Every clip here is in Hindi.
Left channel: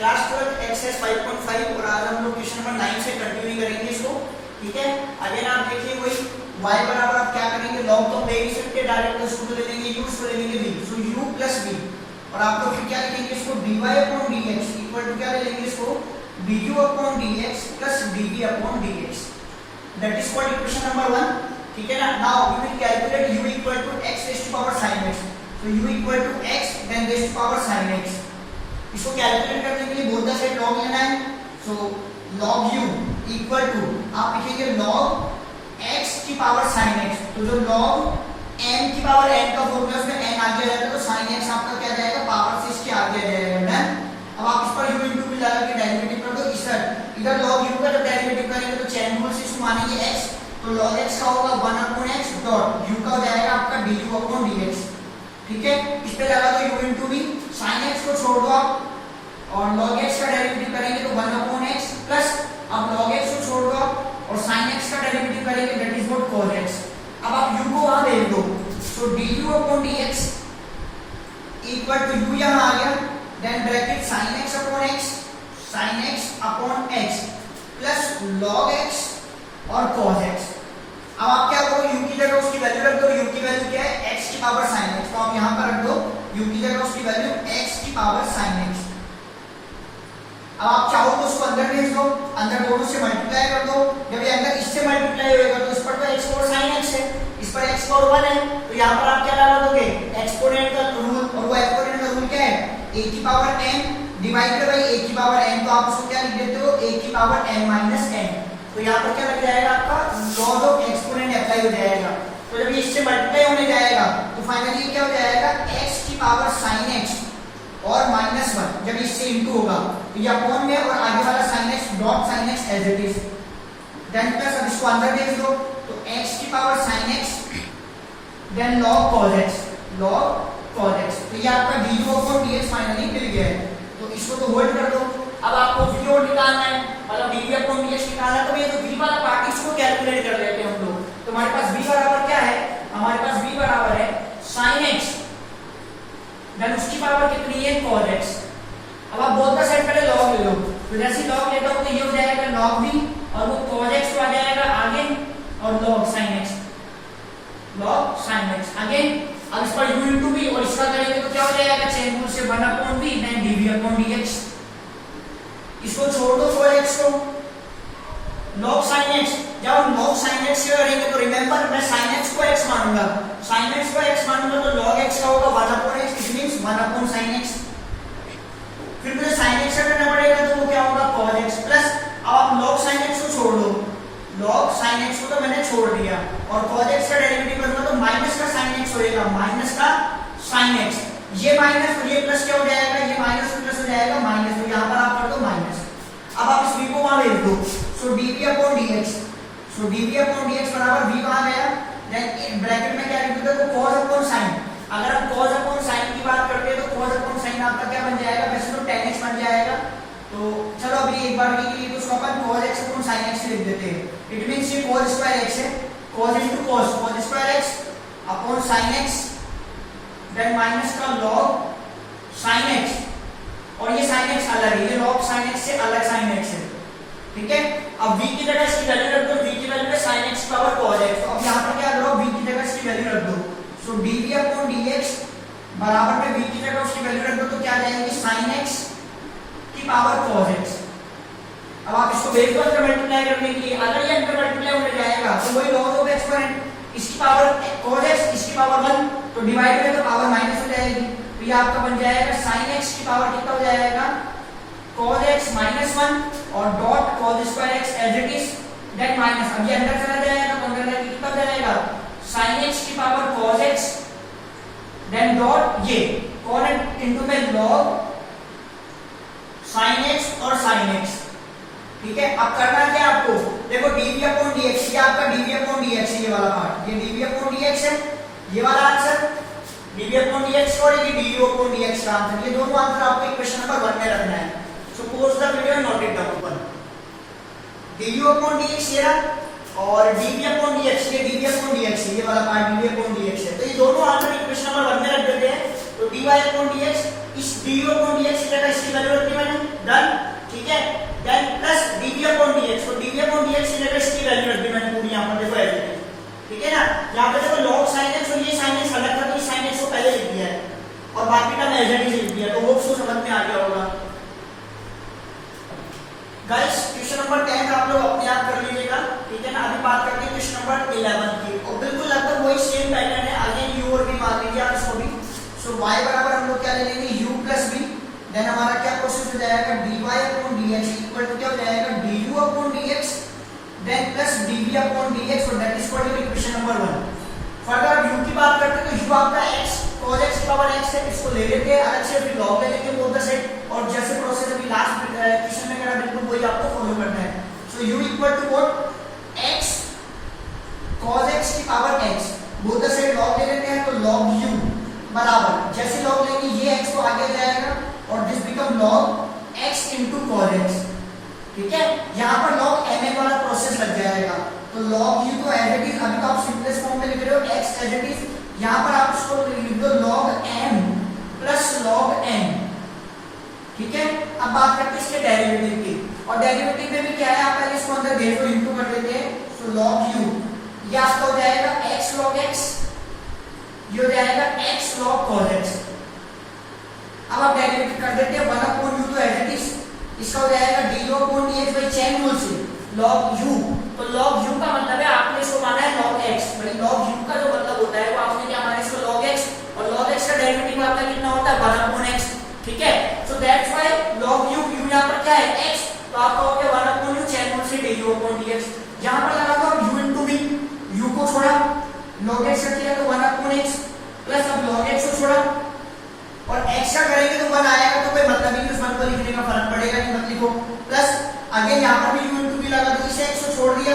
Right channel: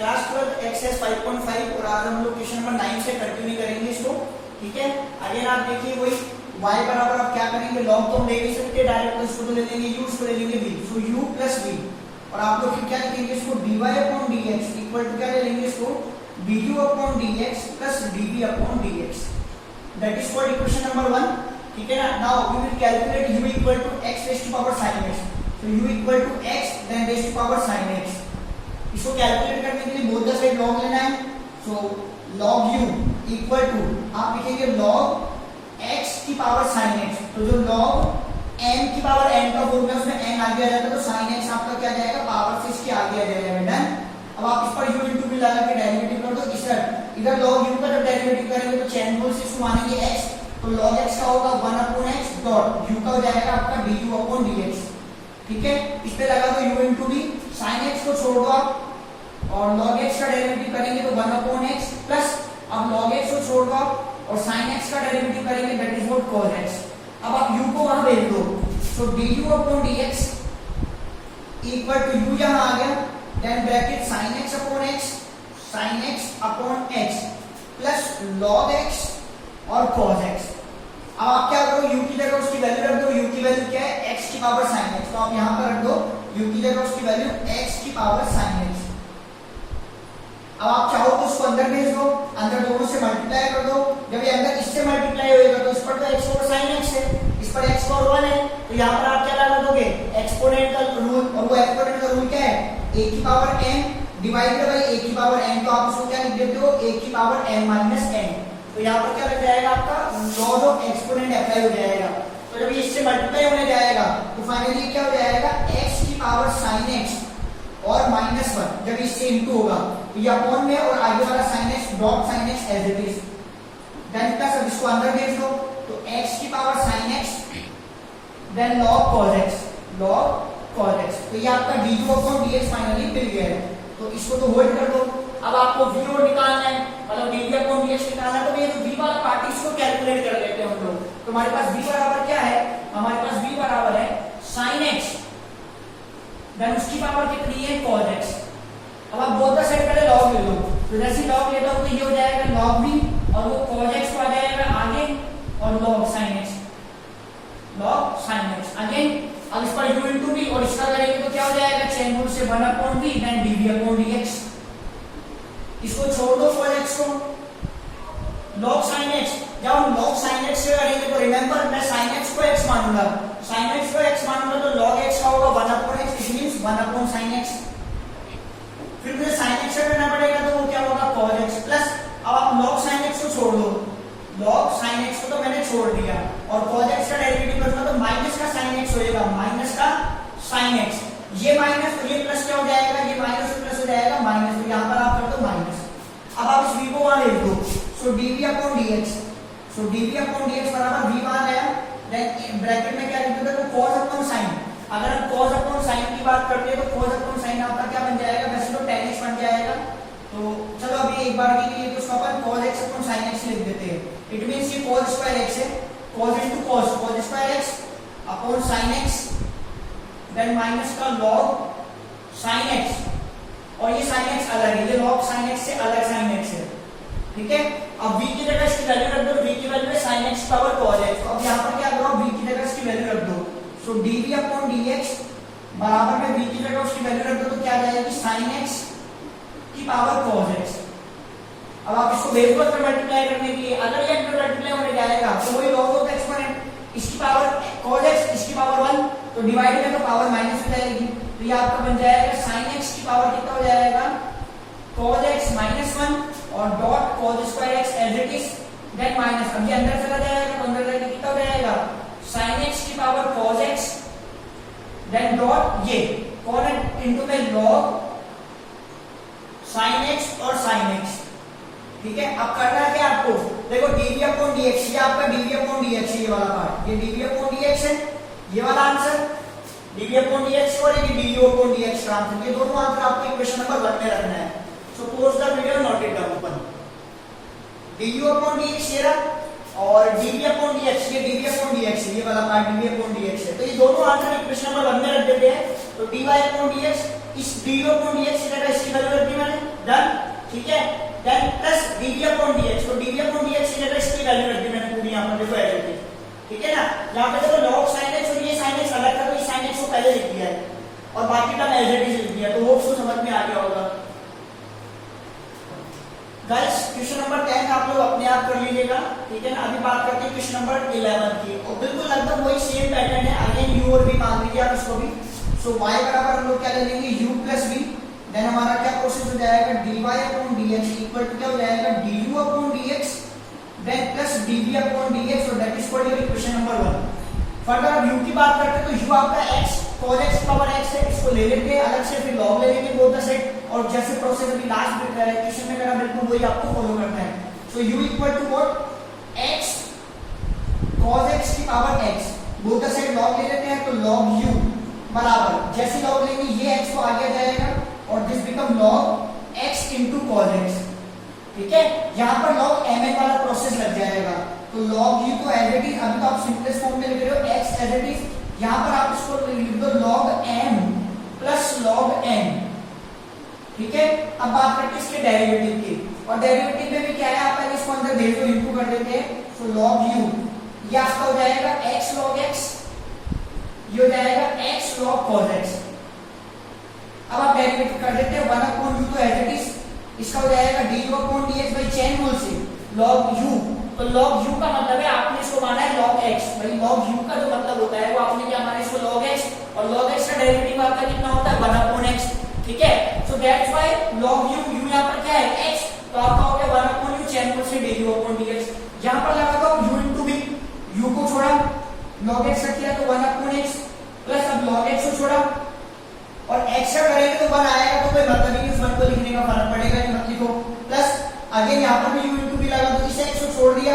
क्लास 12 एक्सरसाइज 5.5 और आज हम लोग क्वेश्चन नंबर 9 से कंटिन्यू करेंगे इसको। ठीक है, अगेन आप देखिए वही y बराबर आप क्या करेंगे, log तो हम ले नहीं सकते, डायरेक्ट उसको तो ले लेंगे u, उसको ले लेंगे v, so u plus v और आप लोग फिर क्या लिखेंगे इसको dy upon dx equal to क्या ले लेंगे इसको du upon dx plus dv upon dx, that is called equation number 1। ठीक है ना। Now we will calculate u equal to x raise to power sin x, so u equal to x then raise to power sin x। इसको कैलकुलेट करने के लिए बोथ द साइड log लेना है, सो log u इक्वल टू आप लिखेंगे log x की पावर sin x, तो जो log n की पावर n का फॉर्मूला उसमें n आगे आ जाएगा तो sin x आपका क्या जाएगा पावर से इसके आगे आ जाएगा ना। अब आप इस पर u इनटू भी लगा के डेरिवेटिव कर दो, इधर log u का जब डेरिवेटिव करेंगे तो चेन रूल से इसको मानेंगे x, तो log x का होगा 1 अपॉन x डॉट u का हो जाएगा आपका du अपॉन dx। ठीक है, इस पे लगा दो u into v, sin x को छोड़ दो आप और log x का डेरिवेटिव करेंगे तो 1 अपॉन x प्लस अब log x को छोड़ दो आप और sin x का डेरिवेटिव करेंगे that is what cos x। अब आप u को वहां भेज दो, so du upon dx equal to u यहां आ गया, then bracket sin x upon x plus log x और cos x। अब आप क्या करो, u की जगह उसकी वैल्यू रख दो, u की वैल्यू क्या है x की पावर sin x, तो आप यहां पर रख दो u की जगह उसकी वैल्यू x की पावर sin x। अब आप चाहो तो उसको अंदर भेज दो, अंदर दोनों से मल्टीप्लाई कर दो, जब ये अंदर इससे मल्टीप्लाई होएगा तो इस पर तो x पावर sin x है, इस पर x पावर 1 है, तो यहां पर आप क्या लगा दोगे एक्सपोनेंट का रूल, और वो एक्सपोनेंट का रूल क्या है a की power n divided by a की पावर n, तो आप उसको क्या लिख देते हो a की पावर n माइनस n, तो यहां पर क्या लग जाएगा आपका लॉग ऑफ एक्सपोनेंट अप्लाई हो जाएगा। तो जब ये इससे मल्टीप्लाई होने जाएगा तो फाइनली क्या हो जाएगा x की पावर sin x और माइनस 1, जब इससे इनटू होगा तो ये अपॉन में और आगे वाला sin x dot sin x as it is, then plus अब इसको अंदर भेज दो तो x की power sin x then log cos x, तो ये आपका du अपॉन dx फाइनली मिल गया है। तो इसको तो होल्ड कर दो। अब आपको v और निकालना है, मतलब dv अपॉन dx निकालना है, तो ये जो v वाला पार्ट इसको कैलकुलेट कर लेते हैं हम लोग। तो हमारे पास v बराबर क्या है, हमारे पास v बराबर है sin x देन उसकी पावर कितनी है cos x। अब आप बोथ द साइड पहले log ले लो, तो जैसे log लेता हूं तो ये हो जाएगा log v और वो cos x तो आ जाएगा आगे और log sin x अगेन। अब इस पर u into v और इसका करेंगे तो क्या हो जाएगा चेन रूल से 1 upon v then dv upon dx। इसको छोड़ दो cos x को, log sin x, जब हम log sin x से करेंगे तो रिमेंबर मैं sin x को x मानूंगा, sin x को x मानूंगा तो log x का होगा 1 upon x, it means 1 upon sin x। फिर मुझे sin x से करना पड़ेगा तो वो क्या होगा cos x प्लस अब आप log sin x को छोड़ दो, log sin x को तो मैंने छोड़ दिया और cos x का डेरिवेटिव करूंगा तो माइनस का sin x होएगा, माइनस का sin x, ये माइनस ये प्लस क्या हो जाएगा, ये माइनस प्लस हो जाएगा माइनस, तो यहां पर आप कर दो माइनस। अब आप इस v को वहां भेज दो, सो dv अपॉन dx, सो dv अपॉन dx बराबर v वहां आया, देन ब्रैकेट में क्या लिख दोगे cos अपॉन sin। अगर हम cos अपॉन sin की बात करते हैं तो cos अपॉन sin आपका क्या बन जाएगा, वैसे तो tan x बन जाएगा, तो चलो अभी एक बार के लिए तो उसको अपन cos x upon sin x लिख देते हैं। इट मींस ये cos स्क्वायर x है, cos into cos square x upon sin x then minus का log sin x, और ये sin x अलग है, ये log sin x से अलग sin x है। ठीक है, अब v की जगह इसकी वैल्यू रख दो, v की वैल्यू है sin x power cos x, तो अब यहां पर क्या करो v की जगह इसकी वैल्यू रख दो, सो dv अपॉन dx बराबर में v की जगह उसकी वैल्यू रख दो तो क्या आ जाएगी sin x की पावर cos x। अब आप इसको बेस पर मल्टीप्लाई करने के लिए अगर ये अंदर मल्टीप्लाई होने जाएगा तो वही log ऑफ एक्सपोनेंट, इसकी पावर cos x इसकी पावर 1, तो डिवाइड में तो पावर माइनस हो जाएगी, तो ये आपका बन जाएगा sin x की पावर कितना हो जाएगा cos x माइनस 1 और dot cos square x as it is then minus, अब ये अंदर चला जाएगा तो अंदर जाके कितना हो जाएगा sin x की power cos x then dot ये cos इनटू में log sin x और sin x। ठीक है, अब करना क्या आपको, देखो dv अपॉन dx, ये आपका dv अपॉन dx है, ये वाला पार्ट ये dv अपॉन dx है, ये वाला आंसर dv अपॉन dx और ये du अपॉन dx का आंसर, ये दोनों आंसर आपको क्वेश्चन नंबर 1 में रखना है। So pause the video and note it down. du upon dx ये रहा और dv अपॉन dx, ये dv अपॉन dx है, ये वाला पार्ट dv अपॉन dx है, तो ये दोनों आंसर क्वेश्चन नंबर 1 में रख देते हैं। तो dy अपॉन dx, इस du अपॉन dx की जगह इसकी वैल्यू रखी मैंने 10 x की जगह इसकी वैल्यू रख दी मैंने पूरी यहाँ पर, देखो ऐसे, ठीक है ना। यहाँ पे देखो log sin x और ये sin x अलग था, तो ये sin x को पहले लिख दिया है और बाकी का एज इट इज लिख दिया, तो होप सो समझ में आ गया होगा। गाइस क्वेश्चन नंबर 10 आप लोग अपने आप कर लीजिएगा, ठीक है ना। अभी बात करते हैं क्वेश्चन नंबर 11 की, और बिल्कुल लगभग वही सेम पैटर्न है, अगेन u और v मान लीजिए आप इसको भी। सो y बराबर हम लोग क्या ले लेंगे, u प्लस v, देन हमारा क्या प्रोसेस हो जाएगा, dy upon dx equal to क्या हो जाएगा, du upon dx, then plus dv upon dx, so that is for your equation number 1। Further अब u की बात करते हैं तो u आपका x cos x की पावर x है, इसको ले लेते हैं अलग से, फिर log ले लेंगे बोथ द साइड, और जैसे प्रोसेस अभी लास्ट क्वेश्चन में करा बिल्कुल वही आपको फॉलो करना है। So u equal to what, x cos x की power x, both the side log ले लेते हैं, तो log u बराबर जैसे log लेंगे ये x को आगे जाएगा और this become log x into cos x, ठीक है। यहाँ पर log mn वाला प्रोसेस लग जाएगा, तो log u को एज इट इज, अभी तो आप सिंपलेस्ट फॉर्म में लिख रहे हो x एज इट इज, यहाँ पर आप इसको लिख दो log m plus log n, ठीक है। अब बात करते हैं इसके डेरिवेटिव की, और डेरिवेटिव में भी क्या है, आप पहले इसको अंदर देखो इनटू कर देते हैं, सो log u ये आपका हो जाएगा x log x, ये हो जाएगा x log cos x। अब आप डेरिवेटिव कर देते हैं 1 अपॉन u, तो एज इट इज इसका हो जाएगा du upon dx by chain rule से log u, तो log u का मतलब है आपने इसको माना है log x, भाई log u का जो मतलब होता है वो आपने क्या माना इसको log x, और log x का डेरिवेटिव आपका कितना होता है 1 अपॉन x, ठीक है। So that's why log u, u यहाँ पर क्या है x, तो आपका हो गया 1 अपॉन u चेन रूल से du अपॉन dx। यहाँ पर लगा दो u इनटू v, u को छोड़ा log x किया तो 1 अपॉन x, प्लस अब log x को छोड़ा और x का करेंगे तो 1 आएगा, तो कोई मतलब नहीं, उस 1 को लिखने का फर्क पड़ेगा नहीं, मत लिखो। प्लस अगेन यहाँ पर भी u इनटू v लगा दो, इसे x को छोड़ दिया,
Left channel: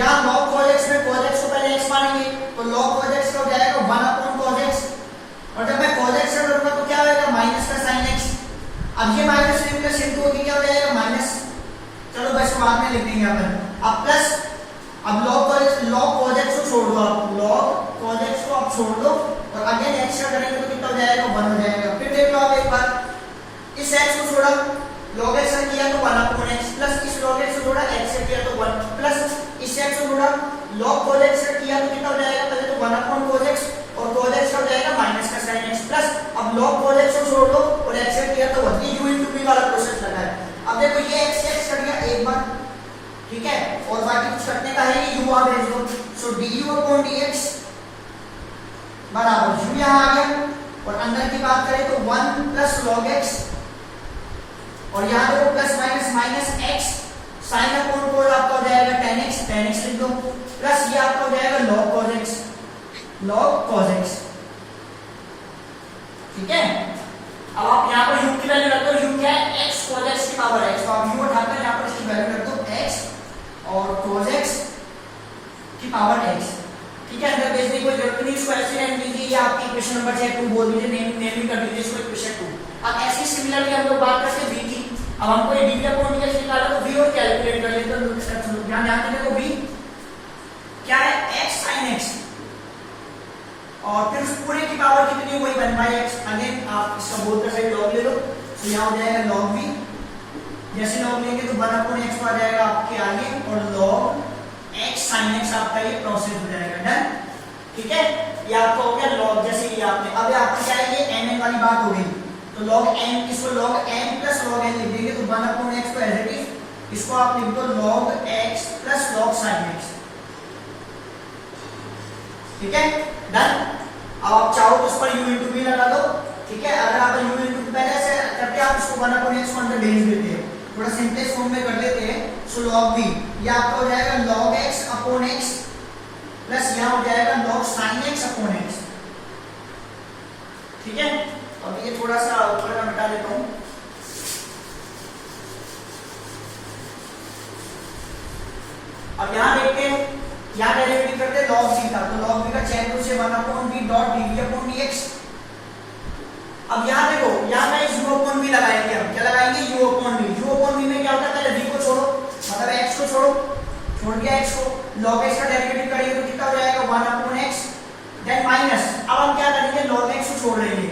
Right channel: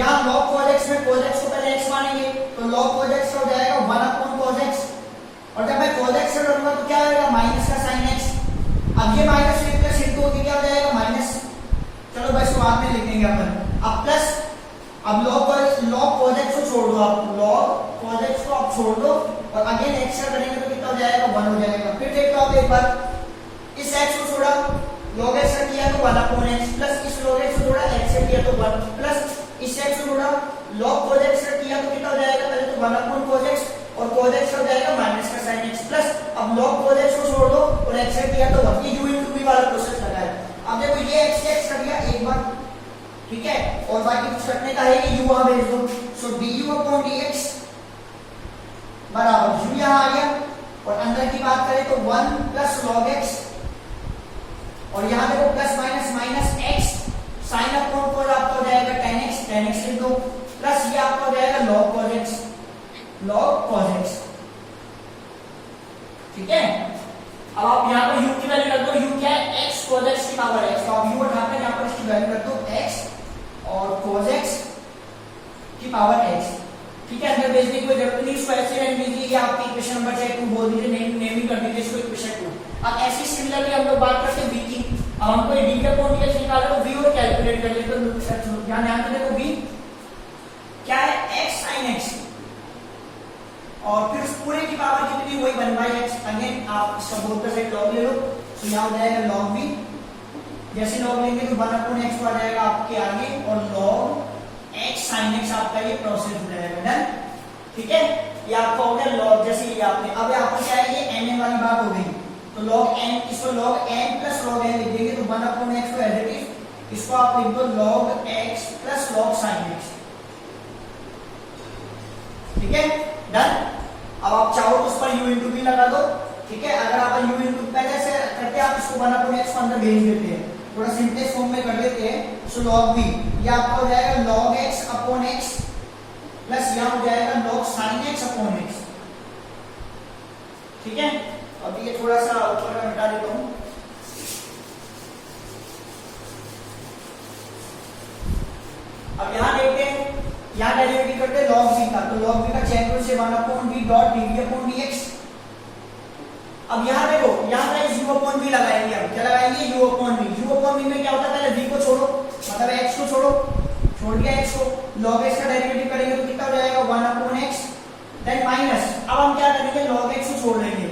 यहाँ log cos x में cos x को पहले x मानेंगे, तो log cos x का हो जाएगा 1 अपॉन cos x, और जब मैं cos x से करूंगा तो क्या होगा, माइनस का sin x, अब ये माइनस से प्लस इनटू होके क्या हो जाएगा माइनस, चलो बस बाद में लिख देंगे अपन। अब प्लस, अब log cos x को छोड़ दो, आप log cos x को आप छोड़ दो और अगेन x का करेंगे तो कितना हो जाएगा 1 हो जाएगा। फिर देख लो आप एक बार, इस x को छोड़ा log x से किया तो 1 अपॉन x, प्लस इस log x को छोड़ा x से किया तो 1, प्लस इस x को छोड़ा log cos x से किया तो कितना हो जाएगा, पहले तो 1 अपॉन cos x और cos x हो जाएगा माइनस का sin x, प्लस अब log cos x को छोड़ दो और x से किया तो 1, ये u into v वाला प्रोसेस लगा है। अब देखो ये x से x कर दिया एक बार, ठीक है, और बाकी कुछ करने का है कि u वहां भेज दो, सो du अपॉन dx बराबर u यहाँ आ गया, और अंदर की बात करें तो 1 प्लस log x, और यहाँ देखो plus minus minus x, sine upon cos आपका हो जाएगा tan x लिख दो, प्लस ये आपका हो जाएगा log cos x, ठीक है। अब आप यहाँ पर u की वैल्यू रख दो, u क्या है x cos x की पावर x, तो आप u उठाकर यहाँ पर इसकी वैल्यू रख दो x और cos x की पावर x, ठीक है। अंदर भेजने की कोई जरूरत नहीं, इसको ऐसे रहने दीजिए, ये आपकी इक्वेशन नंबर 2 बोल दीजिए, नेमिंग कर दीजिए इसको इक्वेशन 2। अब ऐसी सिमिलरली हम लोग बात करते हैं v की, अब हमको ये d अपॉन dx निकालना तो v और कैलकुलेट कर लेते हैं, ध्यान से देखो v क्या है x sin x, और फिर उस पूरे की पावर कितनी वही 1/x, अगेन आप इसका बोथ का साइड log ले लो, तो यहाँ हो जाएगा log v, जैसे log लेंगे तो 1 अपॉन x आ जाएगा आपके आगे, और log x sin x आपका ये प्रोसेस हो जाएगा, डन, ठीक है। ये आपका हो गया log, जैसे ये आपने, अब आपको क्या है ये mn वाली बात हो गई, तो log n, इसको log n plus log n लिख देंगे, तो 1 अपॉन x को एज इट इज, इसको आप लिख दो log x plus log sin x, ठीक है, डन। अब आप चाहो तो उस पर u into v लगा दो, ठीक है। अगर आप u into v पहले से करते हैं, आप इसको 1 अपॉन x को अंदर भेज देते हैं, थोड़ा सिंपलेस्ट फॉर्म में कर लेते हैं, सो log v ये आपका हो जाएगा log x upon x, plus यहाँ हो जाएगा log sin x upon x, ठीक है। अब ये थोड़ा सा ऊपर का मिटा देता हूं, अब यहाँ देखते हैं, यहाँ डेरिवेटिव करते हैं log v का, तो log v का चेन रूल से 1 upon v dot dv upon dx। अब यहाँ देखो, यहाँ पे u अपॉन v लगाएंगे, अब क्या लगाएंगे u अपॉन v में क्या होता है, पहले v को छोड़ो, मतलब x को छोड़ दिया x को, log x का डेरिवेटिव करेंगे तो कितना हो जाएगा 1 अपॉन x, देन माइनस, अब हम क्या करेंगे log x को छोड़ लेंगे,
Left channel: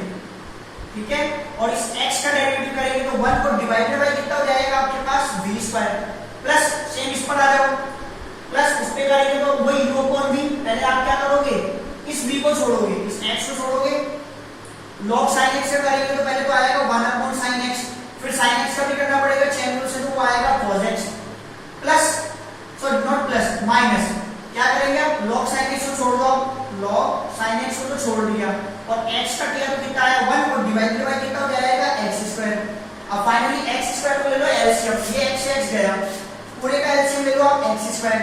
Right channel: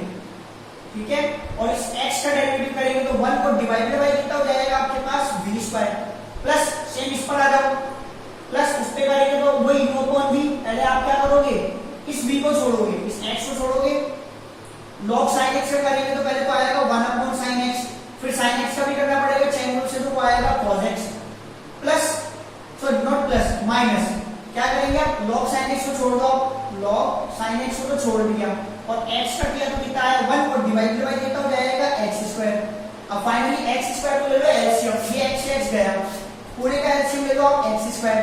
ठीक है, और इस x का डेरिवेटिव करेंगे तो 1 को डिवाइडेड बाय कितना हो जाएगा आपके पास v स्क्वायर, प्लस सेम इस पर आ जाओ, प्लस उस पे करेंगे तो वही u अपॉन v। पहले आप क्या करोगे, इस v को छोड़ोगे, इस x को छोड़ोगे, log sin x से करेंगे तो पहले तो आएगा 1 अपॉन sin x, फिर sin x का भी करना पड़ेगा चेन रूल से, तो आएगा cos x plus, sorry not plus, minus, क्या करेंगे आप, log sin x को छोड़ दो, log sin x को तो छोड़ दिया और x का किया तो कितना आया 1 और डिवाइडेड बाय कितना हो जाएगा x स्क्वायर। अब फाइनली x स्क्वायर को ले लो एलसीएम, ये x से x गया, पूरे का एलसीएम ले लो आप x स्क्वायर,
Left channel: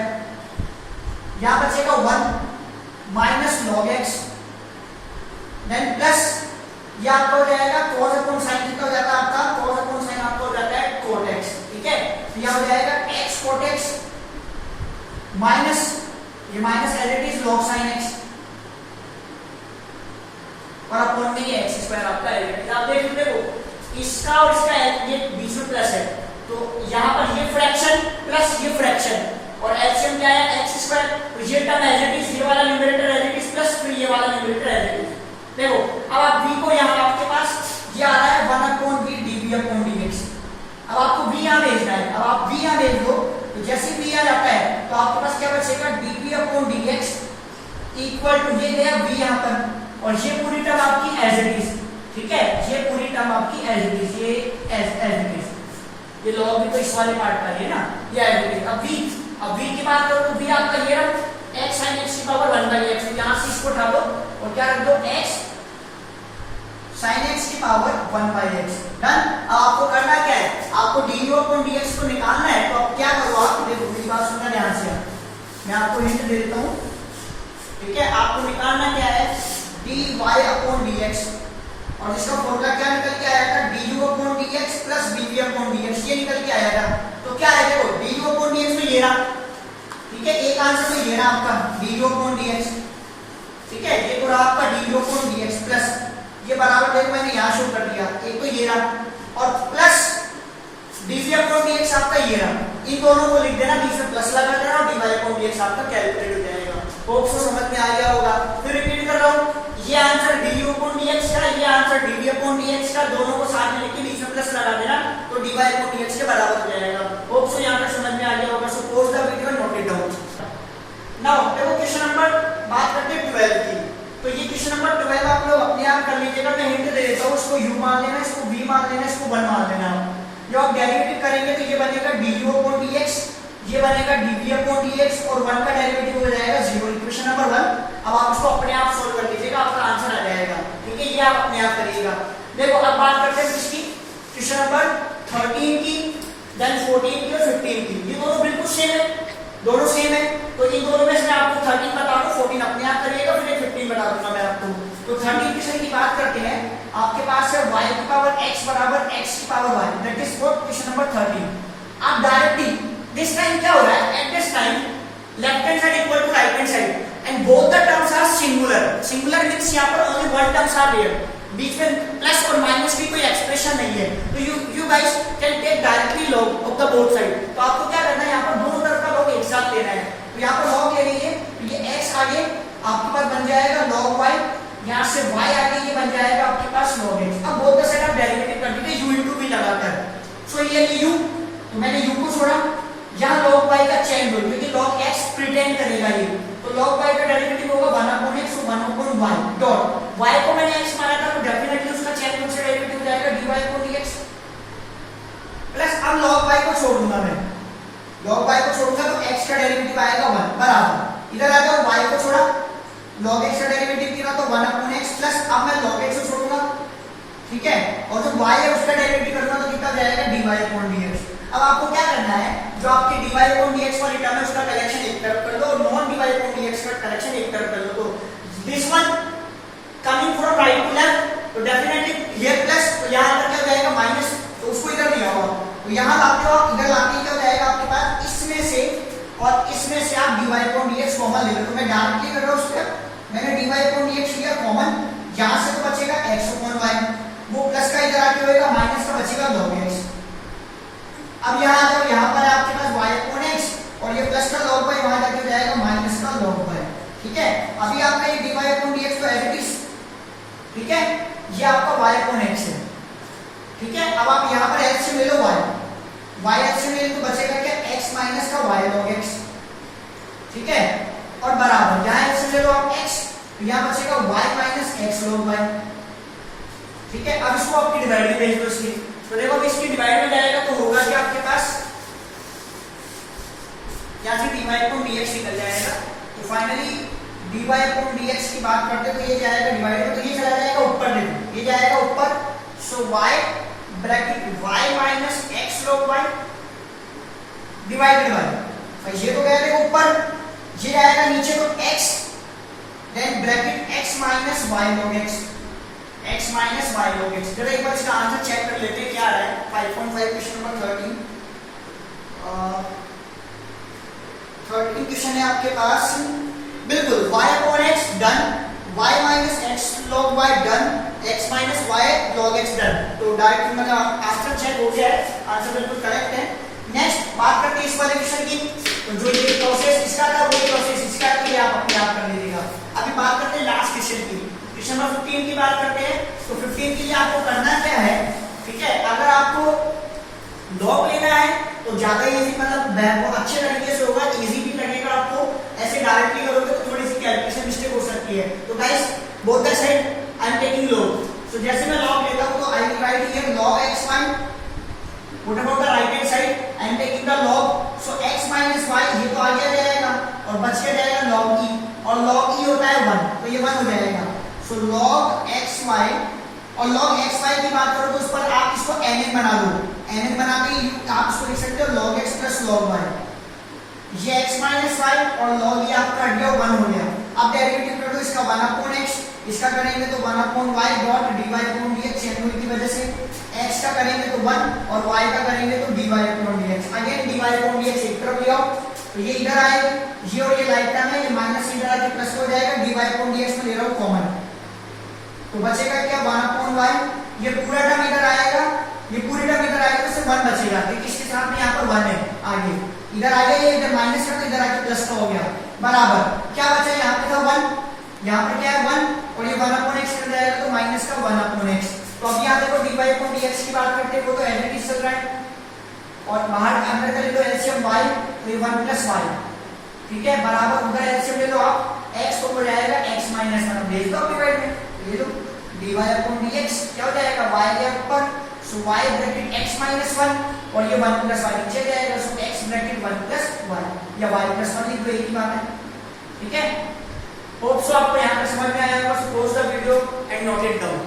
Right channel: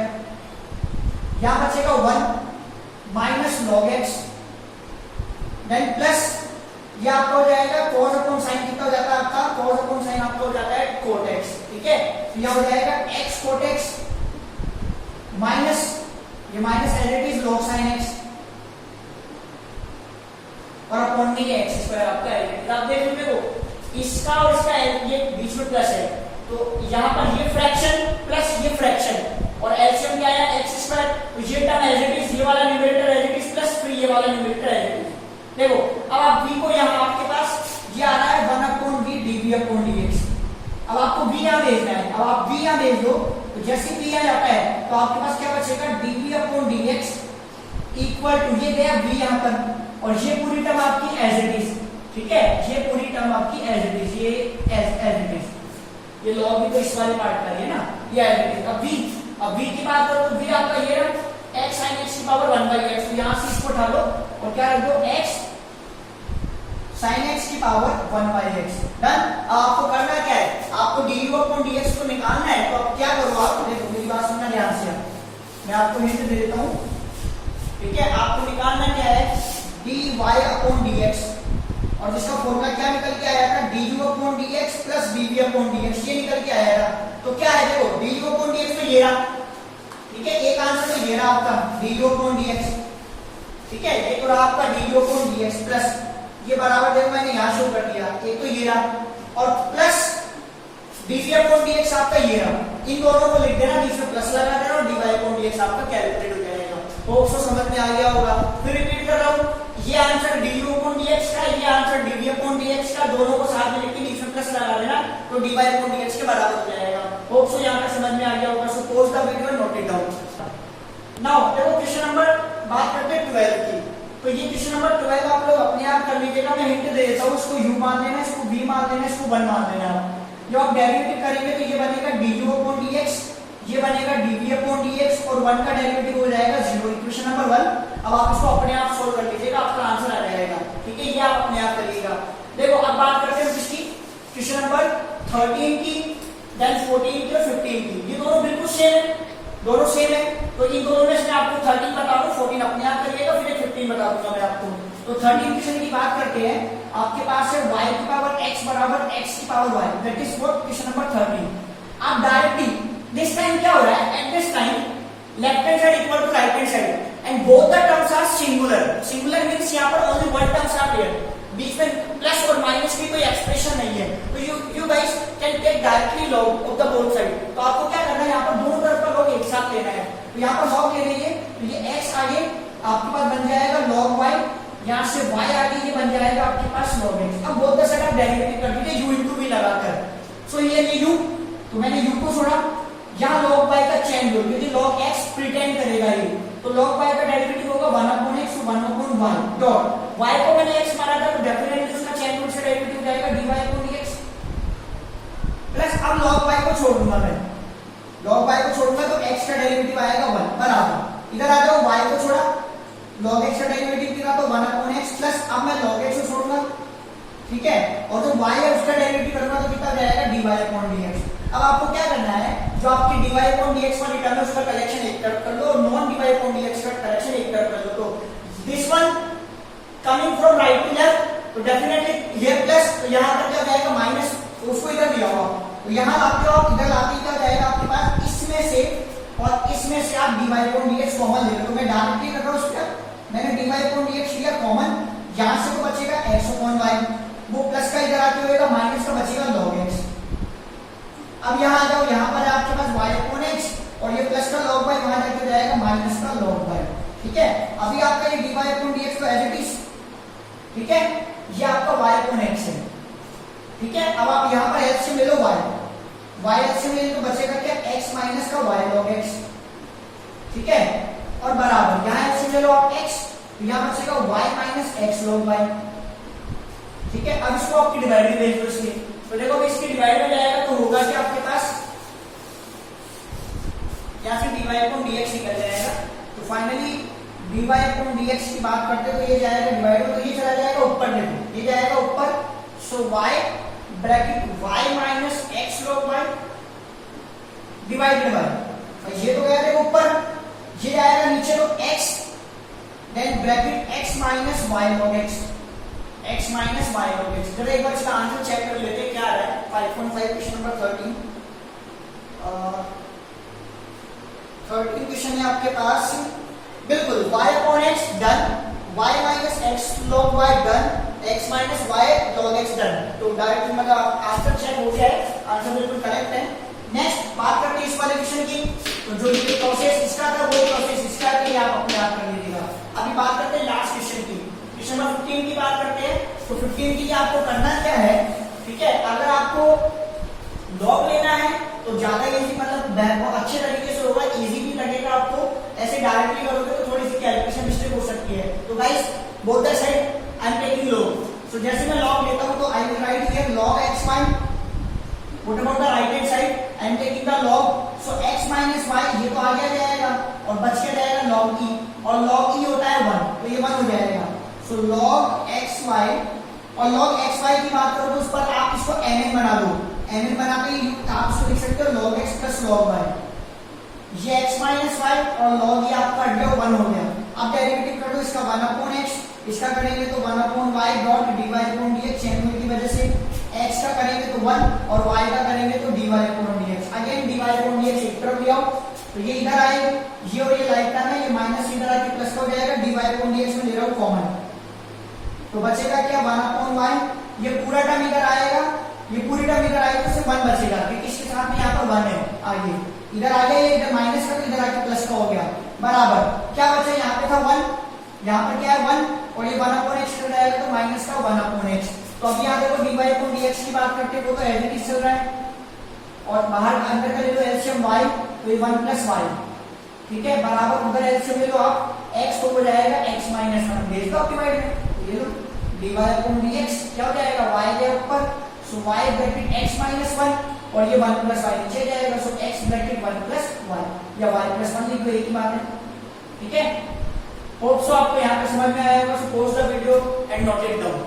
यहां बचेगा 1 minus log x then plus ये आपका हो जाएगा cos अपॉन sin, कितना हो जाता है आपका, cos अपॉन sin आपका हो जाता है cot x, ठीक है, तो यह हो जाएगा x cot x माइनस ये minus as it is log sin x और अपॉन में ये x स्क्वायर आपका है। आप देख लीजिए देखो इसका और इसका ये बीच में प्लस है, तो यहाँ पर ये फ्रैक्शन प्लस ये फ्रैक्शन और एलसीएम क्या है x स्क्वायर, तो ये टर्म एज इट इज, ये वाला numerator as it is plus फिर ये वाला न्यूमरेटर एज इट इज। देखो अब आप v को यहाँ आपके पास ये आ रहा है 1 upon v dv upon dx। अब आपको v यहाँ भेजना है, अब आप v यहाँ भेज दो तो जैसे v आ जाता है तो आपके पास क्या बचेगा dv upon dx equal to ये गया v यहाँ पर और ये पूरी टर्म आपकी एज इट इज, ठीक है, ये पूरी टर्म आपकी एज इट इज, ये एज इट इज, ये log भी तो इस वाले पार्ट का है ना, ये एज इट इज। अब v की बात करो तो v आपका ये रहा x sin x की पावर 1/x, यहां से इसको उठा लो और क्या रख दो x sin x की पावर 1/x। डन। अब आपको करना क्या है, आपको du अपॉन dx को निकालना है, तो आप क्या करो, आप देखो मेरी बात सुनना ध्यान से, मैं आपको हिंट दे देता हूं, ठीक है, आपको निकालना क्या है dy अपॉन dx और जिसका फॉर्मूला क्या निकल के आया था du upon dx plus dv upon dx, ये निकल के आया था। तो क्या है देखो du अपॉन dx में ये रहा, ठीक है, एक आंसर तो ये रहा आपका du अपॉन dx, ठीक है, ये तो रहा आपका du अपॉन dx प्लस ये बराबर देखो मैंने यहाँ शो कर दिया, एक तो ये रहा और प्लस dv अपॉन dx आपका ये रहा, इन दोनों को लिख देना, बीच में प्लस लगा देना और dy अपॉन dx आपका कैलकुलेट हो जाएगा। होप सो समझ में आ गया होगा। फिर रिपीट कर रहा हूँ, ये आंसर du अपॉन dx का, ये आंसर dv अपॉन dx का, दोनों को साथ में लेके बीच में प्लस लगा देना तो dy अपॉन dx के बराबर हो जाएगा। होप सो यहाँ तक समझ में आ गया होगा। So pause the video and note it down. Now देखो क्वेश्चन नंबर बात करते हैं 12 की, तो ये क्वेश्चन नंबर 12 आप लोग अपने आप कर लीजिएगा, मैं हिंट दे देता हूँ, इसको u मान लेना, इसको v मान लेना, इसको 1 मान लेना। जब आप डेरिवेटिव करेंगे तो ये बनेगा du अपॉन dx, ये बनेगा dv अपॉन dx और 1 का डेरिवेटिव हो जाएगा 0, इक्वेशन नंबर 1। अब आप इसको अपने आप सोल्व कर लीजिएगा, आपका आंसर आ जाएगा, ठीक है, ये आप अपने आप करिएगा। देखो अब बात करते हैं किसकी, क्वेश्चन नंबर 13 की, देन 14 की और 15 की। ये दोनों बिल्कुल सेम है, दोनों सेम है, तो इन दोनों में से मैं आपको 13 बता दूं, 14 अपने आप करिएगा, फिर 15 बता दूंगा मैं आपको। तो 13 क्वेश्चन की बात करते हैं, आपके पास है y की पावर x बराबर x की power y, that is what question number 13। आप डायरेक्टली दिस टाइम क्या हो रहा है, at this time left hand side equal to right hand side and both the terms are singular. Singular means यहां पर only one terms are there, बीच में प्लस और माइनस की कोई एक्सप्रेशन नहीं है, तो you guys can take directly log of the both side. तो आपको क्या करना है, यहां पर दोनों तरफ का लॉग एक साथ लेना है, तो यहां पर लॉग ले लीजिए, तो ये x आगे आपके पास बन जाएगा log y, यहां से y आगे ये बन जाएगा आपके पास log x। अब बोथ द साइड आप डेरिवेटिव कर दीजिए u इनटू v लगाकर, सो ये u, तो मैंने u को छोड़ा, यहाँ log y का चेंज हो क्योंकि log x प्रिटेंड करेगा ये, तो log y का डेरिवेटिव होगा 1 upon x 1 upon y dot, y को मैंने x माना था तो डेफिनेटली उसका चेंज रूल से डेरिवेटिव हो जाएगा dy अपॉन dx प्लस अब log y को छोड़ दूंगा मैं, log y को छोड़ूंगा तो x का डेरिवेटिव आएगा 1 बराबर, इधर आ जाओ y को छोड़ा, log x का डेरिवेटिव किया तो 1 अपॉन x प्लस अब मैं log x को छोड़ूंगा, ठीक है, और जो y है उसका डेरिवेटिव करूंगा तो कितना जाएगा dy अपॉन dx। अब आपको क्या करना है, जो आपकी dy अपॉन dx वाली टर्म है उसका कलेक्शन एक तरफ कर लो और नॉन dy अपॉन dx का कलेक्शन एक तरफ कर लो, तो this one coming from right to left, तो डेफिनेटली ये प्लस, तो यहां पर क्या हो जाएगा माइनस, तो उसको इधर लिया हुआ, तो यहां लाते हो आप, इधर लाके क्या हो जाएगा आपके पास, इसमें से और इसमें से आप dy अपॉन dx कॉमन ले लो, तो मैं डायरेक्टली कर रहा हूं उसका, मैंने dy अपॉन dx लिया कॉमन, यहां से तो बचेगा x अपॉन y, वो प्लस का इधर आके होएगा माइनस का बचेगा log x। अब यहाँ आ जाओ, यहाँ पर आपके पास y अपॉन x और ये प्लस का log y वहां जाके हो जाएगा माइनस का log y, ठीक है। अभी आपका ये dy अपॉन dx तो एज इट इज, ठीक है, ये आपका y अपॉन x है, ठीक है। अब आप यहाँ पर x से ले लो y, y x से ले लो तो बचेगा क्या x माइनस का y log x, ठीक है, और बराबर यहाँ एलसीएम ले लो आप x, तो यहाँ बचेगा y minus x log y। ठीक है, अब इसको आपकी डिवाइड में भेज दो इसलिए, तो देखो अब इसकी डिवाइड में जाएगा तो होगा कि आपके पास यहाँ से dy अपॉन dx निकल जाएगा। तो फाइनली dy अपॉन dx की बात करते तो ये जाएगा डिवाइड में, तो ये चला जाएगा ऊपर, देखो ये जाएगा ऊपर, सो y bracket y minus x log y divided by, ये तो गया देखो ऊपर, ये जाएगा नीचे तो x, then bracket x minus y log x, x minus y log x। जरा एक बार इसका आंसर चेक कर लेते हैं क्या आ रहा है। 5.5 क्वेश्चन नंबर 13 क्वेश्चन है आपके पास, बिल्कुल y upon x done, y minus x log y done, x minus y log x done. तो डायरेक्ट मतलब आंसर चेक हो गया है, आंसर बिल्कुल करेक्ट है। नेक्स्ट बात करते हैं इस वाले क्वेश्चन की, तो जो ये प्रोसेस इसका था वो प्रोसेस इसका था, ये आप अपने आप कर लीजिएगा। अभी बात करते हैं लास्ट क्वेश्चन की, क्वेश्चन नंबर 15 की बात करते हैं। तो 15 के लिए आपको करना क्या है, ठीक है, अगर आपको लॉग लेना है तो ज्यादा इजी, मतलब अच्छे तरीके से होगा, इजी भी लगेगा आपको, ऐसे डायरेक्टली करोगे तो थोड़ी सी कैलकुलेशन मिस्टेक हो सकती है। तो guys both the side I am taking log, so जैसे मैं लॉग लेता हूं तो I will write here log x1, what about the right hand side, I am taking the log, so x minus y ये तो आगे जाएगा और बच के जाएगा log e, और log e होता है 1, तो ये 1 हो जाएगा। सो log xy, और log xy की बात करो तो उस पर आप इसको mn बना दो, mn बनाते ही आप इसको लिख सकते हो log x plus log y, ये x माइनस y और log ये आपका हट गया 1 हो गया। अब डेरिवेटिव कर दो इसका 1 अपॉन x, इसका करेंगे तो 1 upon y dot dy upon dx, change होने की वजह से x का करेंगे तो 1 और y का करेंगे तो dy upon dx, again dy upon dx एक तरफ ले आओ, तो ये इधर आएगा, ये और ये लाइक टर्म है, ये माइनस इधर आके प्लस हो जाएगा, dy अपॉन dx में ले रहा हूं कॉमन, तो बचेगा क्या 1 अपॉन y, ये पूरा टर्म इधर आएगा, ये पूरी टर्म इधर आएगा तो सिर्फ 1 बचेगा, ये किसके साथ में यहाँ पर 1 है, आगे इधर आ गया, इधर माइनस का तो इधर आके प्लस का हो गया, बराबर क्या बचा, यहाँ पे था 1, यहाँ पर क्या है 1, और ये 1 अपॉन x इधर आएगा तो माइनस का 1 अपॉन x। तो अब यहाँ देखो dy अपॉन dx की बात करते हैं, वो तो एज इट इज चल रहा है, और बाहर अंदर का ले लो एलसीएम y, तो ये 1 प्लस y, ठीक है, बराबर उधर एलसीएम ले लो आप, x तो हो जाएगा x माइनस 1, भेज दो डिवाइड में, ये लो dy अपॉन dx क्या हो जाएगा, y के ऊपर, सो y ब्रैकेट x माइनस 1 और ये 1 प्लस y नीचे जाएगा, सो x ब्रैकेट 1 प्लस y या y प्लस 1 लिख दो, एक ही बात है, ठीक है। होप सो आपको यहाँ पे समझ में आया होगा। So pause the video and note it down.